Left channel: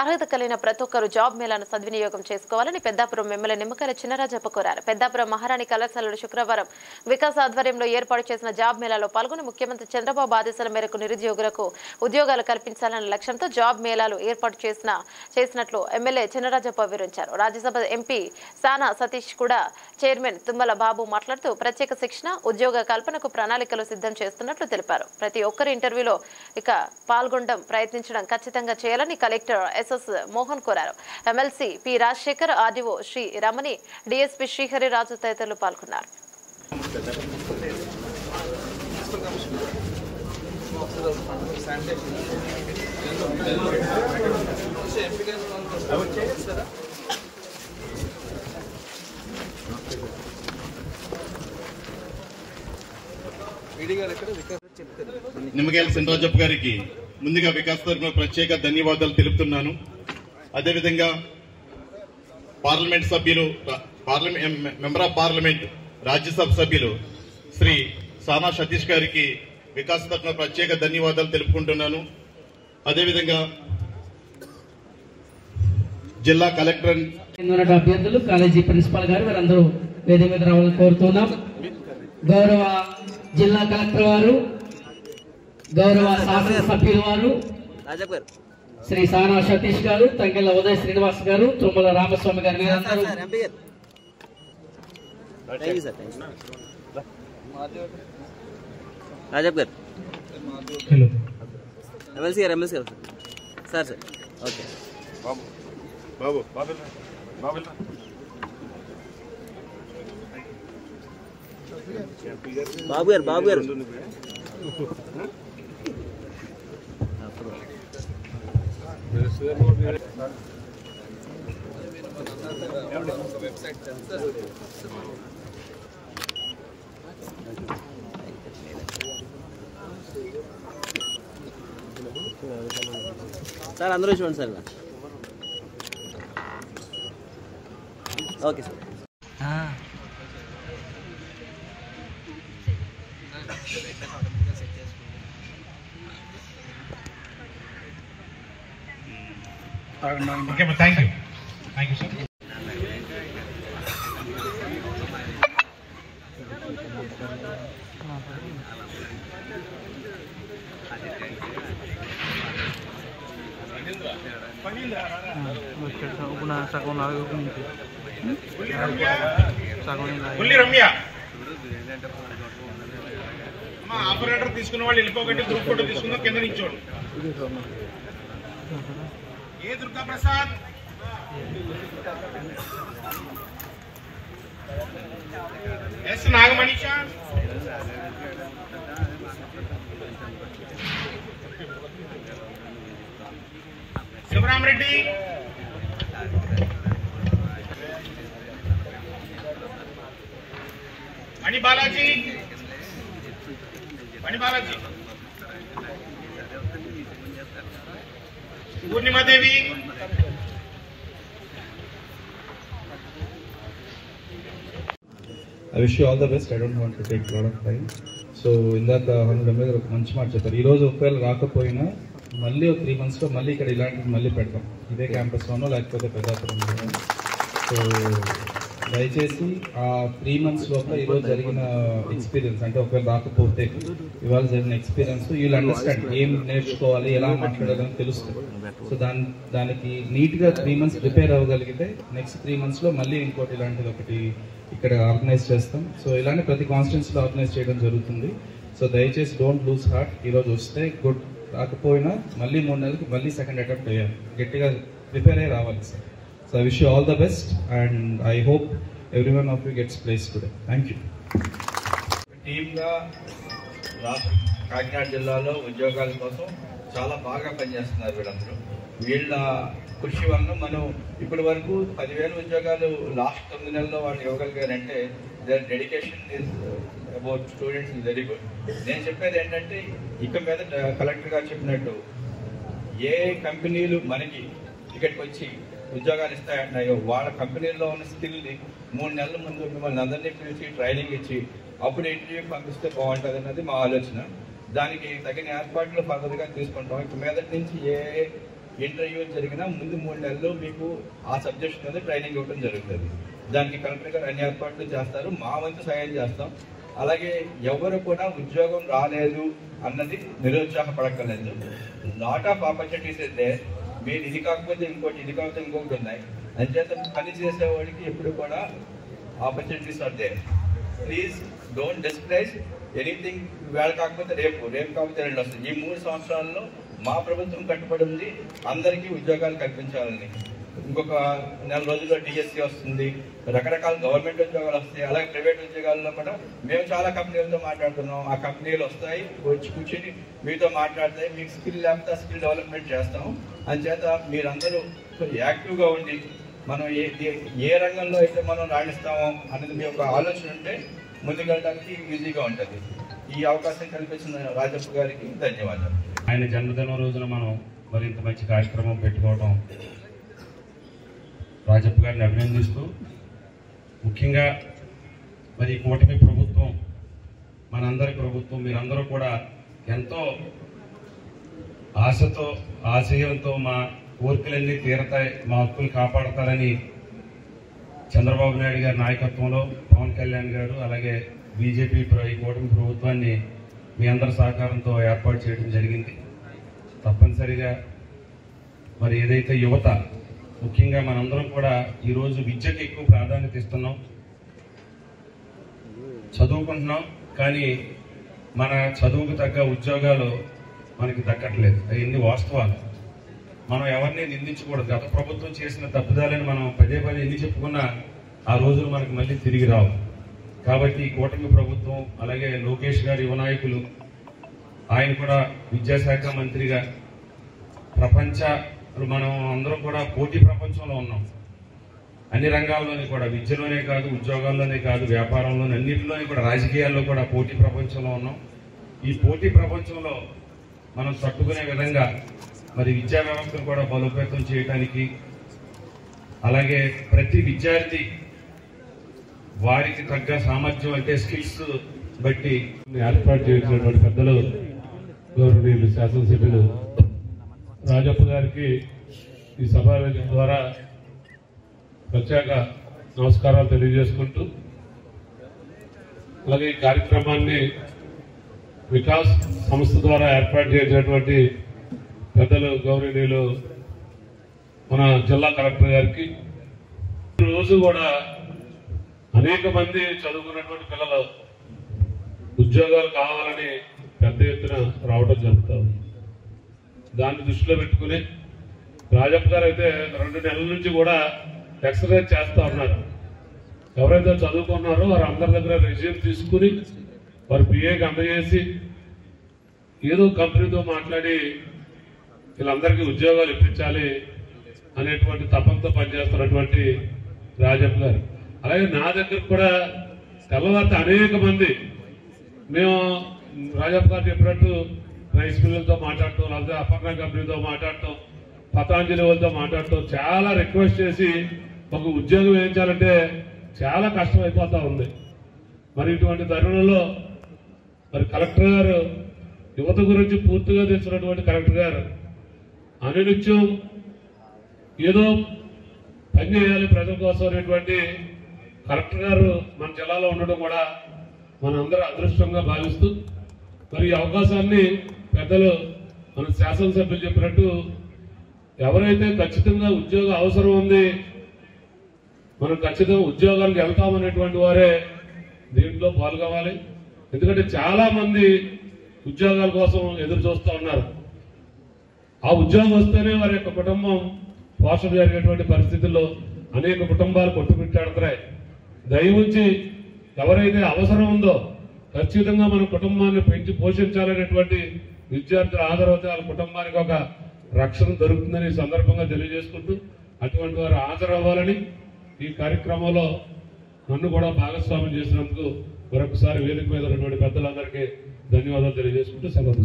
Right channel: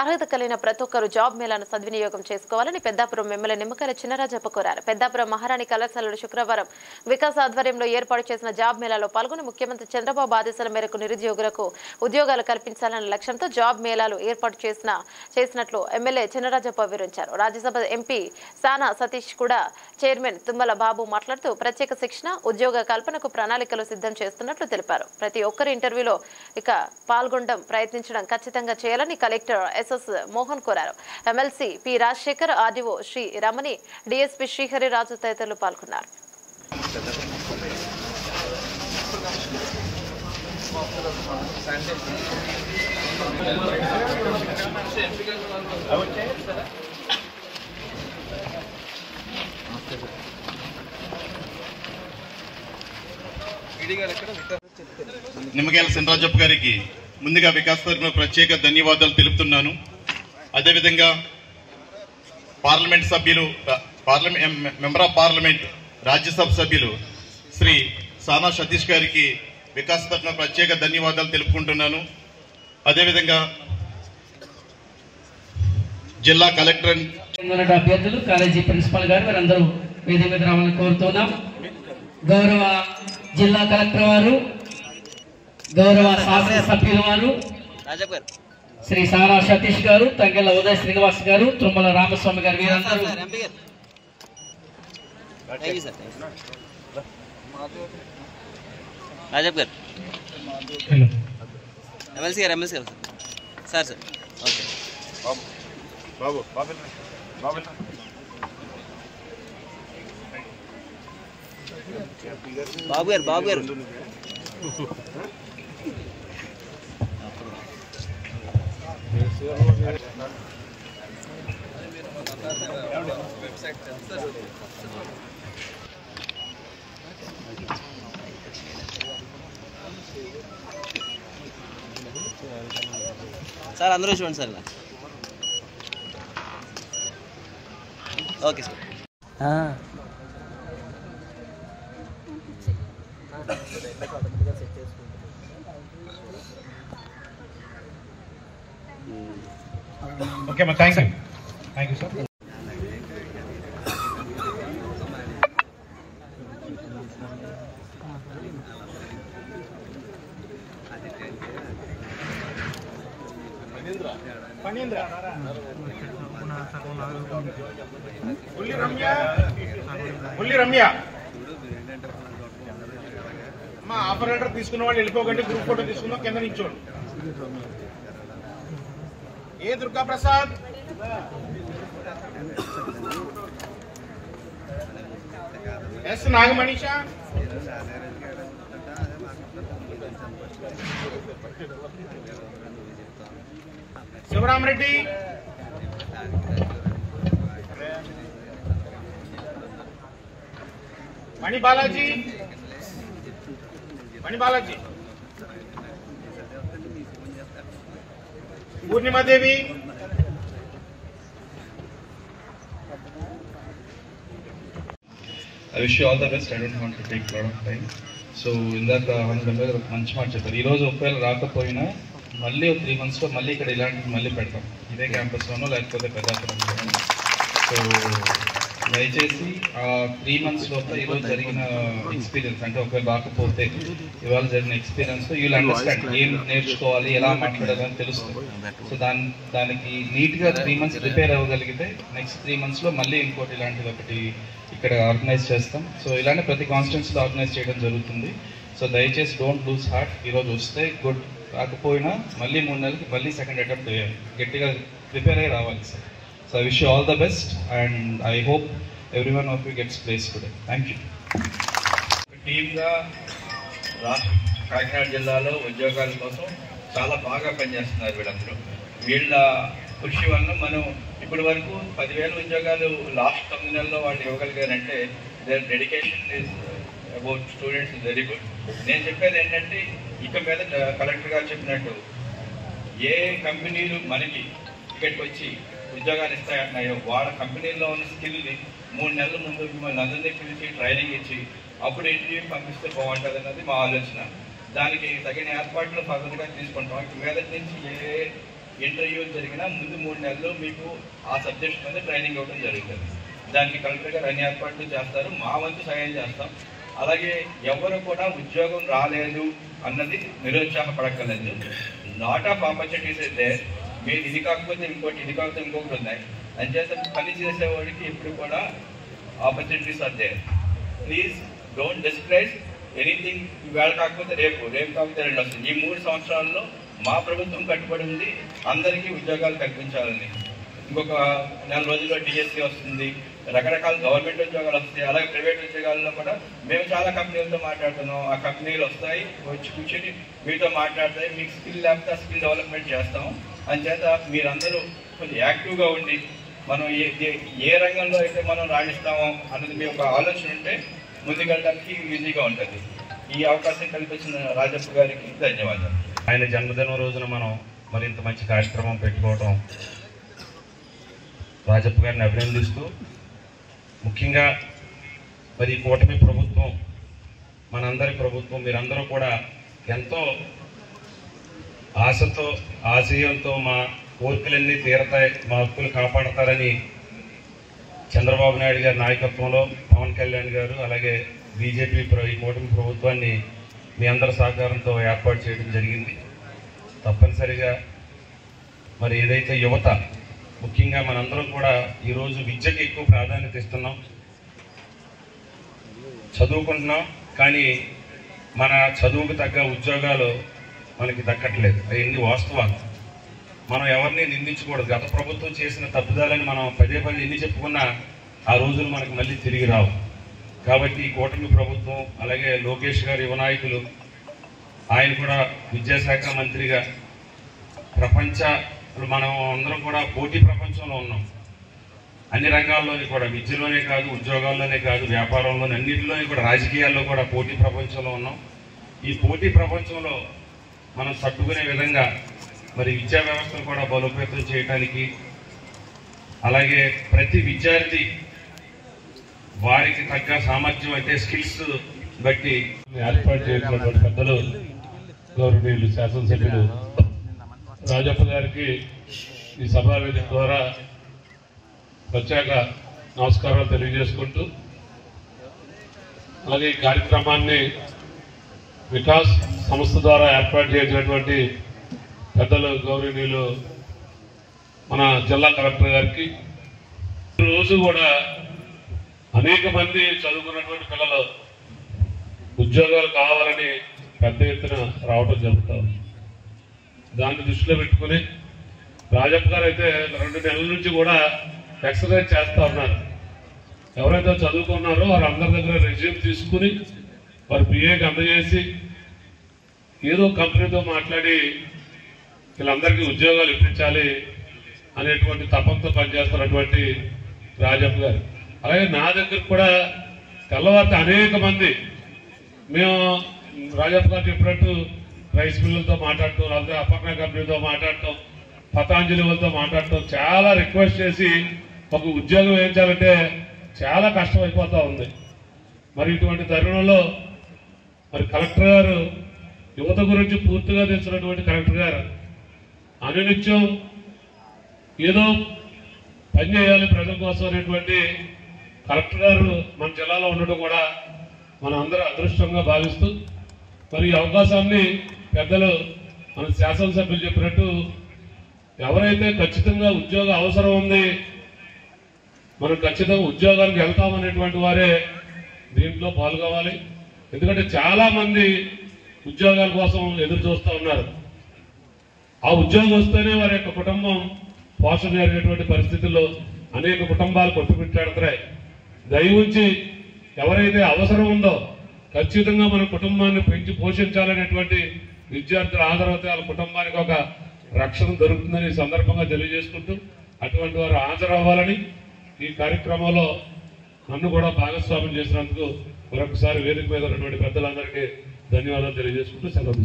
అర్హత కలిగిన ప్రతి ఒక్కరూ జాబ్ మేళాను సద్వినియోగం చేసుకోవాలని పెద్దాపురం ఎమ్మెల్యే నిమ్మకాయల చినరాజప్ప కోరారు. పెద్దాపురం మహారాణి కళాశాలలో శుక్రవారం వికాస్ ఆధ్వర్యంలో ఏర్పాటు చేసిన జాబ్ మేళాలో పాల్గొని ముఖ్యమంత్రి చంద్రబాబు ఆదేశాల మేరకు నిరుద్యోగులకు ఉద్యోగాలు కల్పించాలన్న లక్ష్యంతో జాబ్ మేళాలు ఏర్పాటు చేసినట్లు ఎమ్మెల్యే చినరాజప్ప వివరించారు. రాజ్యసభ ఎంపీ సానా సతీష్ కూడా చైర్మన్ తుమ్మల బాబు మాట్లాడుతూ ప్రత్యేక శిక్షణ ఉద్యోగ కల్పనకు ప్రణాళికలు సిద్ధం చేస్తున్నట్లు తెలిపారు. ప్రతి ఒక్కరి ఇంటర్వ్యూలో పాల్గొనడం ప్రయత్నించడం ఖచ్చితంగా చేయాలని కలెక్టర్ ఎస్ఎస్ మోహన్ కోరారు. MLC P Rajasekhar, RDO Sri Ramani, DSP Srihariraju తదితరులు పాల్గొన్నారు. నిమ్మకాయల చినరాజప్ప గారికి ముందుగా వికాస్ తరఫున ప్రత్యేక ధన్యవాదాలు తెలుపుతున్నాను. అదేవిధంగా పార్లమెంట్ సభ్యులు, మెంబర్ ఆఫ్ పార్లమెంట్, రాజ్యసభ సభ్యులు శ్రీ సానా సతీష్ గారికి వికాస్ తరఫున ప్రత్యేక ధన్యవాదాలు తెలుపుకుంటున్నాను. అదేవిధంగా జిల్లా కలెక్టర్ అభ్యర్థులు, కాలేజీ ప్రిన్సిపాల్ గారు వారందరూ వేదిక మీద రావాలని కోరుతున్నాం. గౌరవ జిల్లా కలెక్టర్ వారు, గౌరవ శాసనసభ్యుల వారు శ్రీ సానా సతీష్ గారు, తంగెళ్ల ఉదయ శ్రీనివాస్ గారు, తుమ్మల రామస్వామి గారు వీరందరూ బాబు గారు సార్ అందరూ చూడండి sir. Okay sir. Okay, thank you sir. Ramya మా ఆపరేటర్ తీసుకున్న వాళ్ళు వెళ్ళిపోకండి, గ్రూప్ ఫోటో తీసుకుందాం, కింద నిల్చోండి. A Durga Prasad, S Nagamanisha, Sivaramareddy, Mani Balaji, Purnimadevi, I wish you all the best. I don't want to take a lot of time. So ఇందాక మంచి మాట చెప్పారు. ఈరోజు ఒకవేళ రాకపోయినా మళ్ళీ 3 months లో మళ్ళీ ఇక్కడ ఇలాంటివి మళ్ళీ పెడతాం, ఇదే క్యాంపస్లోనో లేకపోతే పెద్దాపురంలోనో. సో దయచేసి ఆ 3 months లోపల ఈరోజు జరిగిన ఎక్స్పీరియన్స్, అంటే ఒకవేళ రాకపోతే ఇవాళ జరిగిన ఎక్స్పీరియన్స్ యూల్ అండర్స్టాండ్ ఏం నేర్చుకోవాలి, ఎలా మాట్లాడాలని తెలుస్తుంది. సో దానికి నీట్గా 3 months ప్రిపేర్ అవ్వగలిగితే నెక్స్ట్ 3 months లో మళ్ళీ ఇంకోటి ఇలాంటిది ఒకటి ఇక్కడ ఆర్గనైజ్ చేస్తాం. సో ఇలానే ప్రతి కాన్స్టిట్యున్సీలో ఆర్గనైజ్ చేయడం జరుగుతుంది. సో దయచేసి డోంట్ లూజ్ హార్ట్. ఈరోజు వస్తే గుడ్, రాకపోయినా మళ్ళీ 3 నెలలకి మళ్ళీ సెకండ్ అటెంప్ట్ అయ్యాలి, గట్టిగా ప్రిపేర్ అయ్యి రావాలి సార్. So I wish you all the best and I hope every one of you gets place today. Thank you. టీమ్గా కాకినాడ జిల్లాలో ఉద్యోగాల కోసం చాలా బాగా పనిచేస్తున్నారు వీళ్ళందరూ. వీళ్ళ కృషి వల్ల మనం ఇప్పటి వరకు 10,000 ఉద్యోగాలు లాస్ట్ 9 నెలల్లో వాళ్ళు ఇవ్వగలిగారంటే their dedication is about students is very good. నేను చెప్పేది ఏంటంటే ఇక మీద కలెక్టర్ గారు చెప్పినట్టు ఏ కంపెనీలు మనకి ఇక్కడికి వచ్చి ఉద్యోగాలు ఇస్తాయంటున్నాయో వాళ్ళ కంపెనీల్లో ఉన్న స్కిల్ని 3 నెలల ముందు మిమ్మల్ని అందరినీ పిలిచి ట్రైనింగ్ ఇచ్చి అప్పుడు ఇంటర్వ్యూ పంపిస్తే బాగుంటుంది అన్నది మా ఆలోచన. దానికి తగిన ఏర్పాట్లు ఫర్దర్గా తీసుకుంటాం. ఇక మీద నుంచి ఏ ఇంటర్వ్యూలు జరిగినా ముందు 3 నెలలు మీకు ఆ సబ్జెక్ట్స్ మీద ట్రైనింగ్ ఇవ్వడం జరుగుతుంది. దానికి కలెక్టర్ గారు అన్ని ఏర్పాట్లు చేస్తారు, మా వంతు సహాయం చేస్తాం. అలాగే ఎవరు కూడా ఉద్యోగం రాలేదు అన్నది నిరుత్సాహపడక్కర్లేదు. లాట్ ఆఫ్ ఆపర్చునిటీస్ అయితే మీరు ఇది కాకపోతే ఇంకోటి, ఇది కాకపోతే ఇంకొకటి ఉన్నాయి. అంచేత పని చేసేవాడికి ఎప్పుడు కూడా ఆపర్చునిటీస్ అంతే. Please don't discourage anything. వేళ కాకపోతే రేపు, రేపు కాకపోతే 2 వస్తుంది. ఈ 3 సంవత్సరాల్లో మా ప్రభుత్వం కట్టుబడి ఉంది అందరికీ ఉద్యోగాలు కల్పించాలని. ఇంకొక 4 రోజుల్లో డిఎస్సీ వస్తుంది, రకరకాల గవర్నమెంట్ ఉద్యోగాలు వస్తాయి. అలాగే ప్రైవేట్ ఉద్యోగాల్లో కూడా మేము చాలా కంపెనీలతో మాట్లాడుతున్నాం. ఆ కంపెనీలు వస్తాయి, వచ్చి కూర్చొని మీతో మాట్లాడతాయి. మీకు స్కిల్ లేకపోతే స్కిల్ డెవలప్మెంట్ చేస్తాం. అంచేత మీరందరూ కొంచెం యాక్టివ్గా ఉండి మనం ఏ రంగంలో అయితే మనం రాణిస్తామో అన్నది మీ ఒక ఆలోచన ఉంటే ముందుకెళ్ళడానికి ఈజీగా ఉంటుంది. ఈ అవకాశం కల్పించిన రాజప్ప గారికి ధన్యవాదాలు. ఆయన జన్మదిన రోజున మనం మరింత మంచి కార్యక్రమం పెట్టుకోవడం రాజప్ప గారిని అభినందిస్తూ, ముఖ్యంగా మరి కూటమి ప్రభుత్వం మనందరి ప్రభుత్వం, మీరందరూ కూడా ఎంతో ఆశతో ఆశయంతో మా కోరికలన్నీ తీరతాయి, మా హక్కులు కాపాడతారని చంద్రబాబు నాయుడు గారి నాయకత్వంలో పవన్ కళ్యాణ్ గారు అలాగే బీజేపీ ఈ కూటమి ప్రభుత్వాన్ని మీ అందరి సహకారంతో ఏర్పాటు చేయడం జరిగింది. తప్పనిసరిగా మరి ఏదైతే యువత, ముఖ్యంగా మనందరం కూడా ఈరోజు విద్యకి ఎక్కువ ప్రాధాన్యత ఇస్తున్నాం, చదువుకుంటున్నాం. కానీ మన చదువుకు తగ్గ ఉద్యోగాలు మనకి దక్కట్లేదు. అవన్నీ వాస్తవాలు. మనం ఎవరిని నిందించకూడదు. గత ప్రభుత్వం చేసిన తప్పుదాలని మనం పదే పదే ఎన్ని చెప్పుకున్నా ఆ రోజులు మనకి మళ్ళీ తిరిగి రావు. కాబట్టి ఈ కూటమి ప్రభుత్వం అలాగే లోకేష్ గారు యువ నాయకులు, ఆయన కూడా విద్యాశాఖ మంత్రిగా మనం అందరం కూడా పోటీ ప్రపంచంలో ఉన్నాం. అన్ని రంగాల్లోని కూడా, విద్యలోనే కాదు, ఉద్యోగాల్లోనే కాదు, వ్యాపారంలోనే, అన్నింటిలోని కూడా, రాజకీయాల్లో కూడా పోటీ ప్రపంచంలో ఉన్నాం. ఈ పోటీ ప్రపంచంలో మనం తట్టుకునే విధంగా మరి విద్యా వ్యవస్థను కూడా బలోపేతం చేయడానికి, అలాగే ప్రతి విద్యార్థి వారికి తగ్గ సామర్థ్యం అంటే స్కిల్స్ బట్టి ఏర్పాటు చేసినటువంటి పెద్దలు గౌరవనీయులు శాసనసభ్యులు రాజప్ప గారికి ఈ సమావేశం ద్వారా ప్రత్యేక నమస్కారాలు తెలియజేసుకుంటూ, అలాగే ఈ కార్యక్రమాన్ని వికాస్ సంస్థ ద్వారా ఏర్పాటు చేసినటువంటి పెద్దలు గౌరవనీయులు మన జిల్లా కలెక్టర్ గారికి, రోజు కూడా అనేక మంది చదువుకున్నటువంటి పిల్లలు ఉద్యోగాలు కావాలని పెద్ద ఎత్తున రావడం జరుగుతుంది. దాన్ని దృష్టిలో పెట్టుకుని రాజప్ప గారు అయితే 2 నెలల నుంచి కూడా ఎక్సర్సైజ్ చేస్తూ ఉన్నారు. ఎవరైతే చదువుకున్నారో వారందరి దగ్గర రెజ్యూమ్ తీసుకుని వారి పిఏకి అందజేసి ఏదో కంపెనీతో మాట్లాడి వీళ్ళందరికీ ఉద్యోగాలు ఇప్పించాలి అనేటువంటి తపంతో పనిచేస్తున్నటువంటి రాజప్ప గారు. అలాగే నా దగ్గర కూడా తెల్లవారితే అనేక మంది మేము రాజప్ప గారు చెప్పినట్టు రైస్ మిల్లులతో మాట్లాడటం, లేకపోతే అపర్ణ కంపెనీతో మాట్లాడటం, పతాంజలి వాళ్ళతో మాట్లాడటం, చాలా రిక్వెస్ట్ చేసి ఒక ఉద్యోగం వేయించాలంటే చాలా కష్టం అయిపోతూ ఉంది. మరి ఇటువంటి తరుణంలో మరి కలెక్టర్ గారు, యువత గురించి పూర్తిగా తెలిసినటువంటి కలెక్టర్ గారు అనునిత్యం ఏదో పని చేయాలి ప్రజల కోసం అనేటువంటి కలెక్టర్ గారు మన జిల్లాలో ఉండడం కూడా మన అందరూ అదృష్టంగా భావిస్తూ, మరి ఈ అవకాశాన్ని పెద్దలు మన శాసనసభ్యులు చెప్పినట్టు ఎవరైతే ఖచ్చితంగా ఉద్యోగ అవసరం ఉంది, మనం ఖచ్చితంగా ఉద్యోగానికి వెళ్తామనేటువంటి వారే దీంట్లో పాల్గొవాలి. ఎందుకంటే చాలా మంది ఉద్యోగాల కోసం ఎదురు చూస్తూ ఉన్నారు. ఆ ఉద్యోగం వస్తేనే వారి యొక్క కుటుంబం పోషణ జరిగేటువంటి పరిస్థితుల్లో అనేక కుటుంబాలు కొట్టుమిట్టాడుతున్నాయి. దయవుంచి ఎవరైతే అవసరం ఉందో ఖచ్చితంగా మన కుటుంబాన్ని పెంచి పోషించాలనేటువంటి విద్యార్థులు హాజరవుతే వాళ్ళ కుటుంబానికి ఒక రక్షణ దొరుకుతుందని సందర్భంగా తెలియజేసుకుంటూ, అటువంటి వారు హాజరవ్వాలని ఈ కార్యక్రమంలో నన్ను కూడా భాగస్వామ్యం చేసినందుకు మరొకసారి వేదిక మీద ఉన్నటువంటి పెద్దలందరికీ ధన్యవాదాలు తెలియజేసుకుంటూ సెలవు.